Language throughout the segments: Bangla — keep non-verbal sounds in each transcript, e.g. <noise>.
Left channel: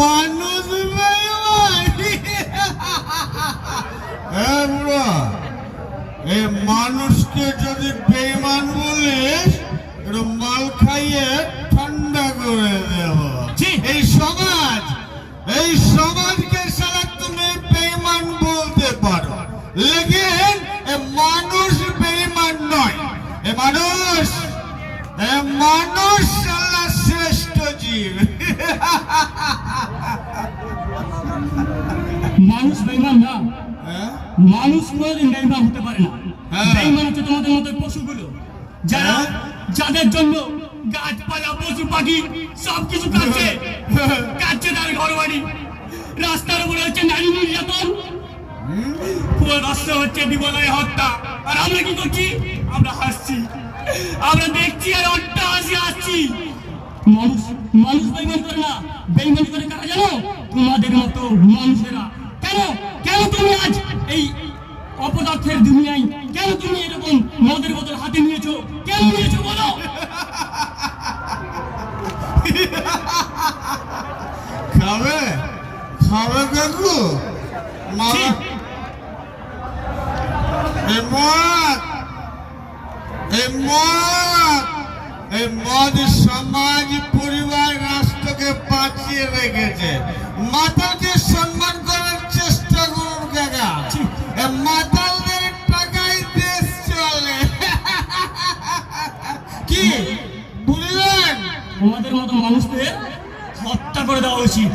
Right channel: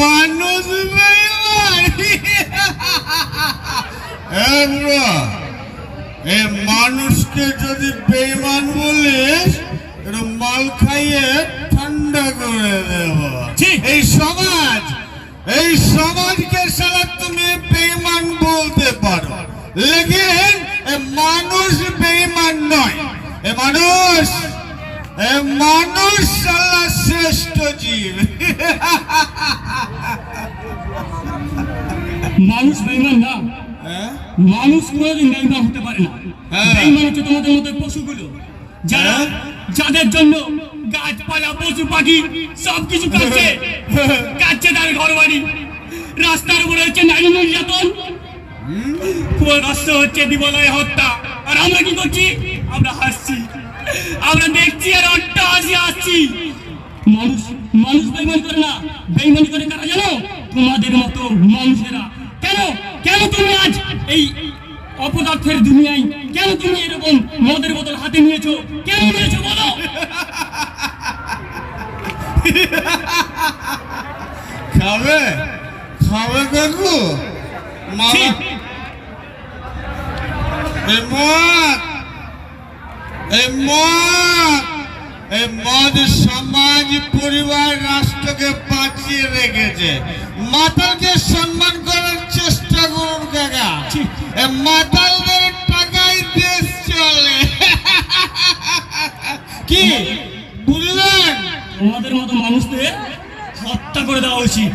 মানুষ হ্যাঁ মানুষকে যদি বেইমান বলিস মাল খাইয়ে ঠান্ডা করে দেব। এই সমাজ এই সমাজকে সারা তুমি বেইমান বলতে পারো। লেকিন এ মানুষ বেইমান নয়। এ মানুষ এ মানুষ সালা শ্রেষ্ঠ জীব। মানুষ বেইমান না। হ্যাঁ? মানুষ কোনোদিন বেইমান হতে পারে না। হ্যাঁ। বেইমান হচ্ছে তোমাদের মতো পশুগুলো। যারা হ্যাঁ। যাদের জন্য গাছপালা পশু পাখি সবকিছু কাটছে। কাটছে তার ঘর বাড়ি রাস্তার উপরে হচ্ছে নারী নির্যাতন। পুরো রাস্তা হচ্ছে দিবলয় হত্যা। আর আমরা কি করছি? মানুষ মানুষ বেইমান করে না। বেইমান করে কারা জানো? তোমাদের মতো মানুষেরা। কেন? কেন তুমি আজ এই অপদার্থের দুনিয়ায় কেন তুমি এরকম মদের বোতল হাতে নিয়েছো? কেন নিয়েছো বলো? খাবে? খাবে কাকু মদ। এ মদ। এই মদ সমাজ পরিবার রাষ্ট্রকে বাঁচিয়ে রেখেছে। মাতালকে সম্মান করার চেষ্টা করুন কাকা। মাতালদের টাকায় দেশ চলে। কি? বুঝলেন? আমাদের মতো মানুষদের হত্যা করে দেওয়া উচিত।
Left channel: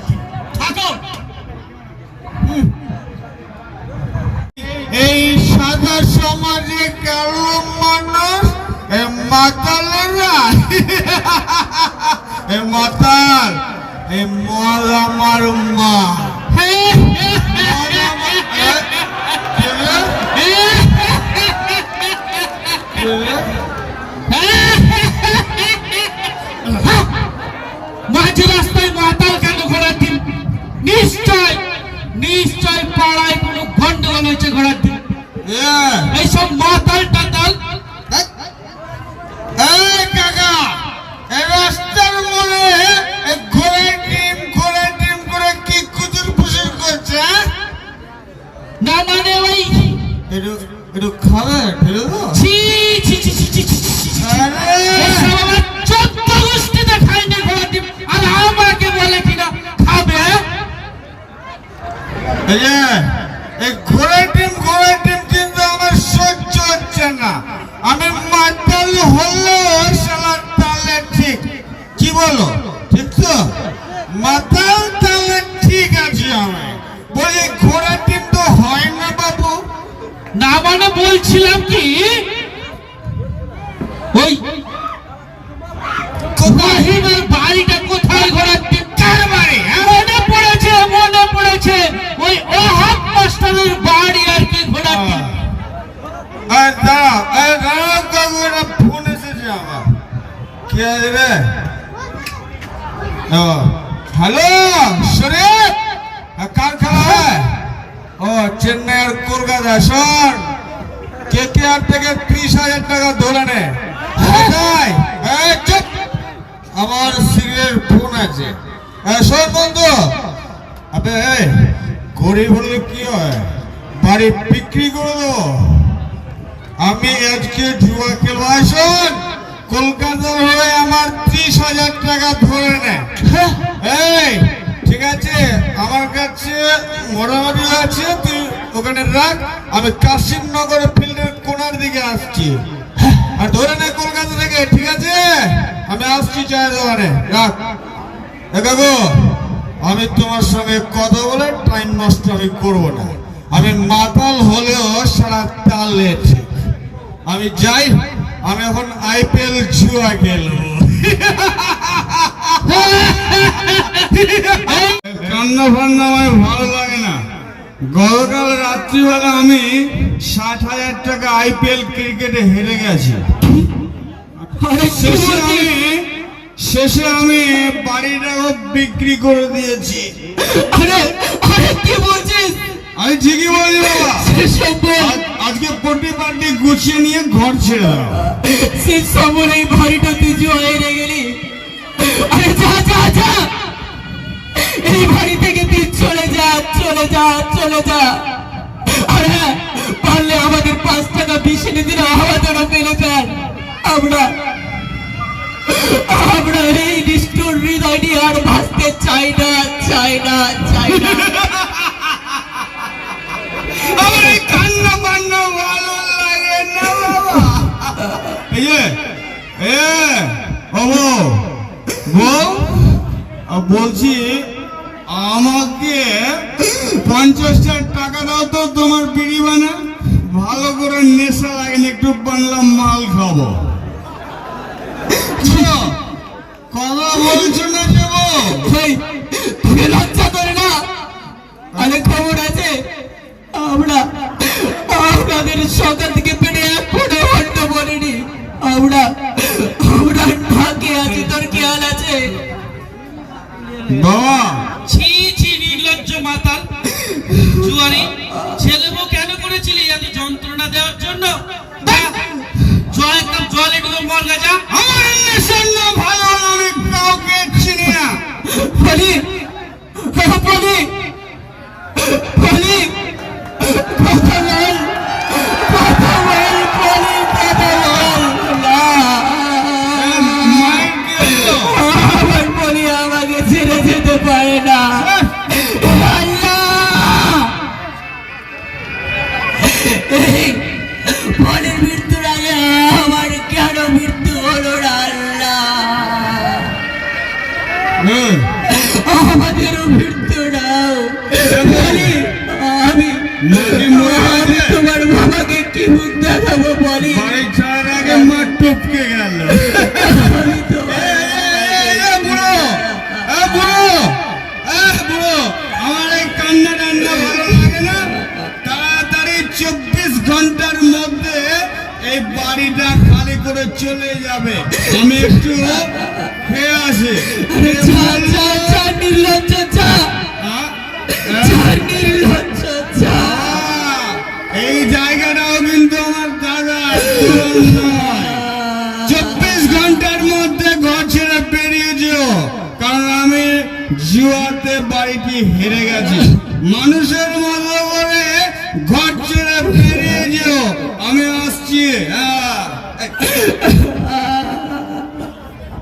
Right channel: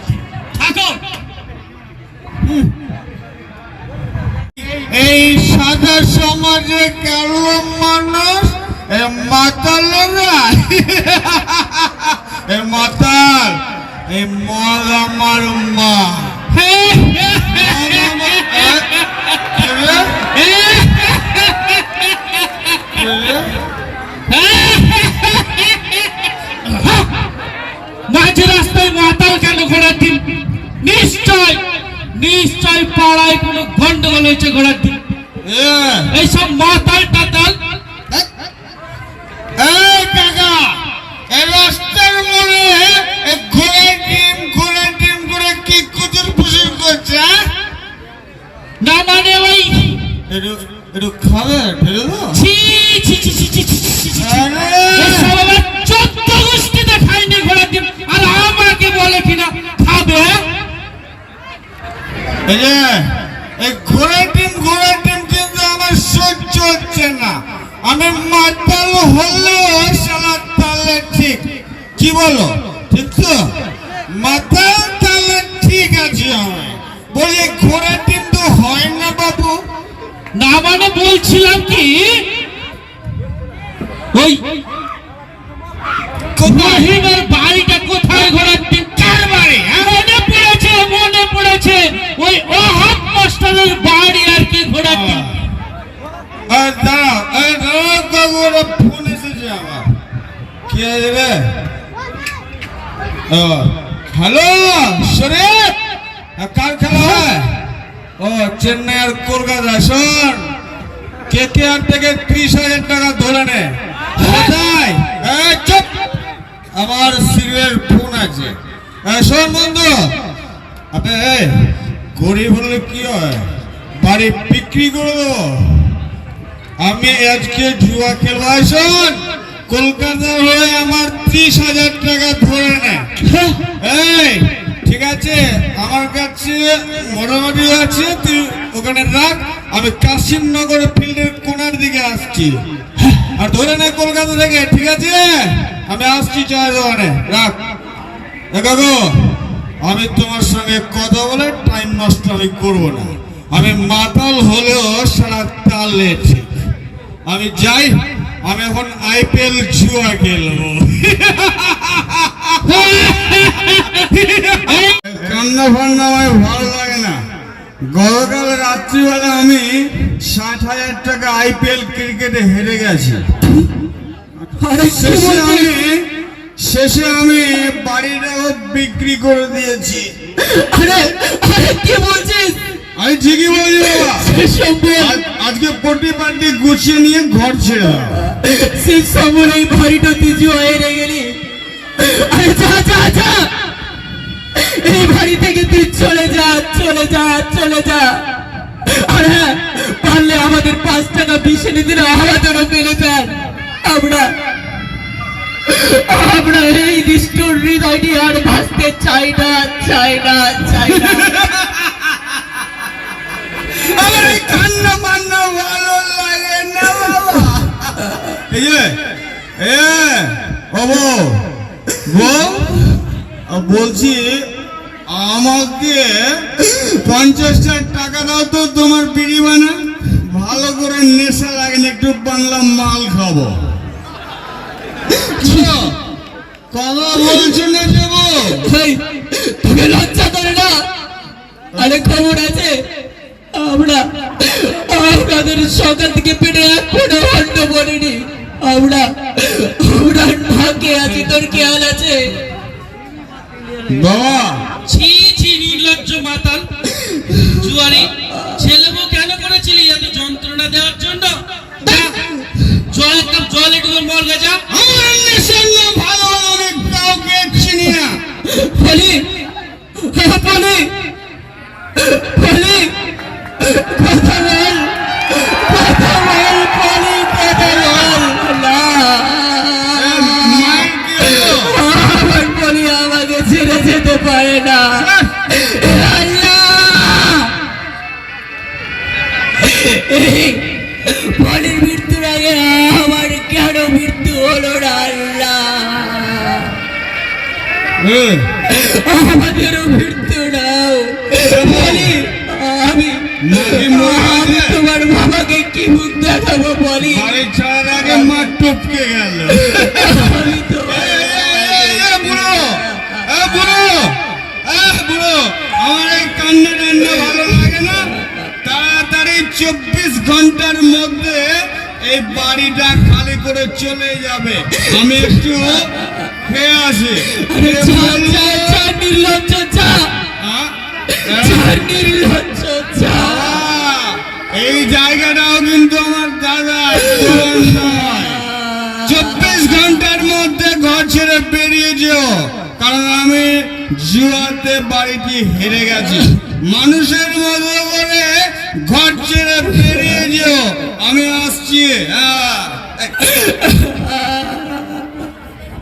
করার হ্যাঁ। এইসব মাতাল দল এই কাকা রাস্তার মনে ঘোড়ে ডিম ঘোড়ে ডিম করে কি কুতুর পুষুর করছে হ্যাঁ? না মানে ওই একটু খাবে ছি ছি ছি ছি ছি ছি ছি Yeah. না মানে বলছিলাম কি? ওই মহিলার বাড়িটা কোথায় ঘোরার কার বাড়ি? হ্যাঁ? মনে পড়েছে মনে পড়েছে। ওই মাস্টারের বাড়ি আর কি আর একটা ফোন এসেছে আমার। কে রে হ্যালো শরীফ হ্যাঁ, কার খেলা হয় ও চেন্নাই আর কলকাতা শোন। কে কে আর থেকে ত্রিশ হাজার টাকা ধরে নে কোথায়? এই, চুপ। আমার সিগরেট ফোন আছে। শোন বন্ধু। আবে গরিব হলে কি হয়? বাড়ি বিক্রি করে দেবো। আমি আজকে জুয়া খেলব। শোন কলকাতার হয়ে আমার ত্রিশ হাজার টাকা ধরে নেয় এই ঠিক আছে? আমার কাছে মোটামুটি আছে, তুই ওখানে রাখ। আমি কাশিমনগর ফিল্ডের কোনার দিকে আসছি। আর ধরে নে কলকাতা থেকে, ঠিক আছে? আমি আসছি চায়ের দোকানে রাখ দেখো আমি তোমার সঙ্গে কথা বলে টাইম নষ্ট আমি করব না। আমি মাতাল হলেও সারা তালে ঠিক আমি যাই আমি এখন আইপিএল জুয়া খেলব। <laughs> কান্না ফান্না আমার ভালো লাগে না। গতকাল রাত্রিবেলা আমি ষাট হাজার টাকা আইপিএল ক্রিকেটে হেরে গেছি। শেষে আমি শেষে আমি বাড়িটাও বিক্রি করে দিয়েছি। কি বলছিস? আমি ঠিকই বাবা। আজকে পটি পাটি গুছিয়ে নিয়ে ঘর ছেড়ে। সময় এই বাড়িটা তুই হেরে গেলি এই বাড়ি থেকে তুই চলে যা চলে যা চলে যা। আর হ্যাঁ পারলে আমাদের পাঁচ টাকা বিশে নিদিন আমাদেরও পেলে যান। আমরা আমরা এই নিষ্ঠুর হৃদয়টি আর ভাসতে চাই না চাই না চাই না। কান্না ভালো লাগে না। এই বাবু। বলছি, আমাকে পঞ্চাশটা টাকা দাও তো, তোমার বিড়ি বানা ভালো করে নেশা লাগেনি একটু বাংলা মাল খাব। করে না। আরে আছে? আমরা আপনাদের সকাল থেকে পেটে এক ফোটা বলিনি। আমরা বাবা। ছি ছি নির্লজ্জ মাতাল। জুয়ারি ছেলে বউ কেন করেছিলি? এত যন্ত্রণা দেওয়ার জন্য? জল এক জল একটু মর গেছে আমার নেশার ভালো কাউকে চিনি না। বলি যেতে পারে না মৃত্যুর আগে আমার কেন মৃত্যু হলো না আল্লাহ আমাদেরও মৃত্যু নাও বলি আমি তোমার বাবাকে কি মুখ দেখাবো বলি আগে টপকে গেল ঘণ্টার মধ্যে এই বাড়িটা খালি করে চলে যাবে। আমি একটু খেয়ে আসি। এই জায়গাটাও কিন্তু আমার দাদা চব্বিশ ঘণ্টার মধ্যে ঘর ছেড়ে বেরিয়ে যেও। কারণ আমি জুয়াতে বাড়িটি হেরে গেছি। মানুষের মতো করে ঘর ছেড়ে আমি আসছি হ্যাঁ।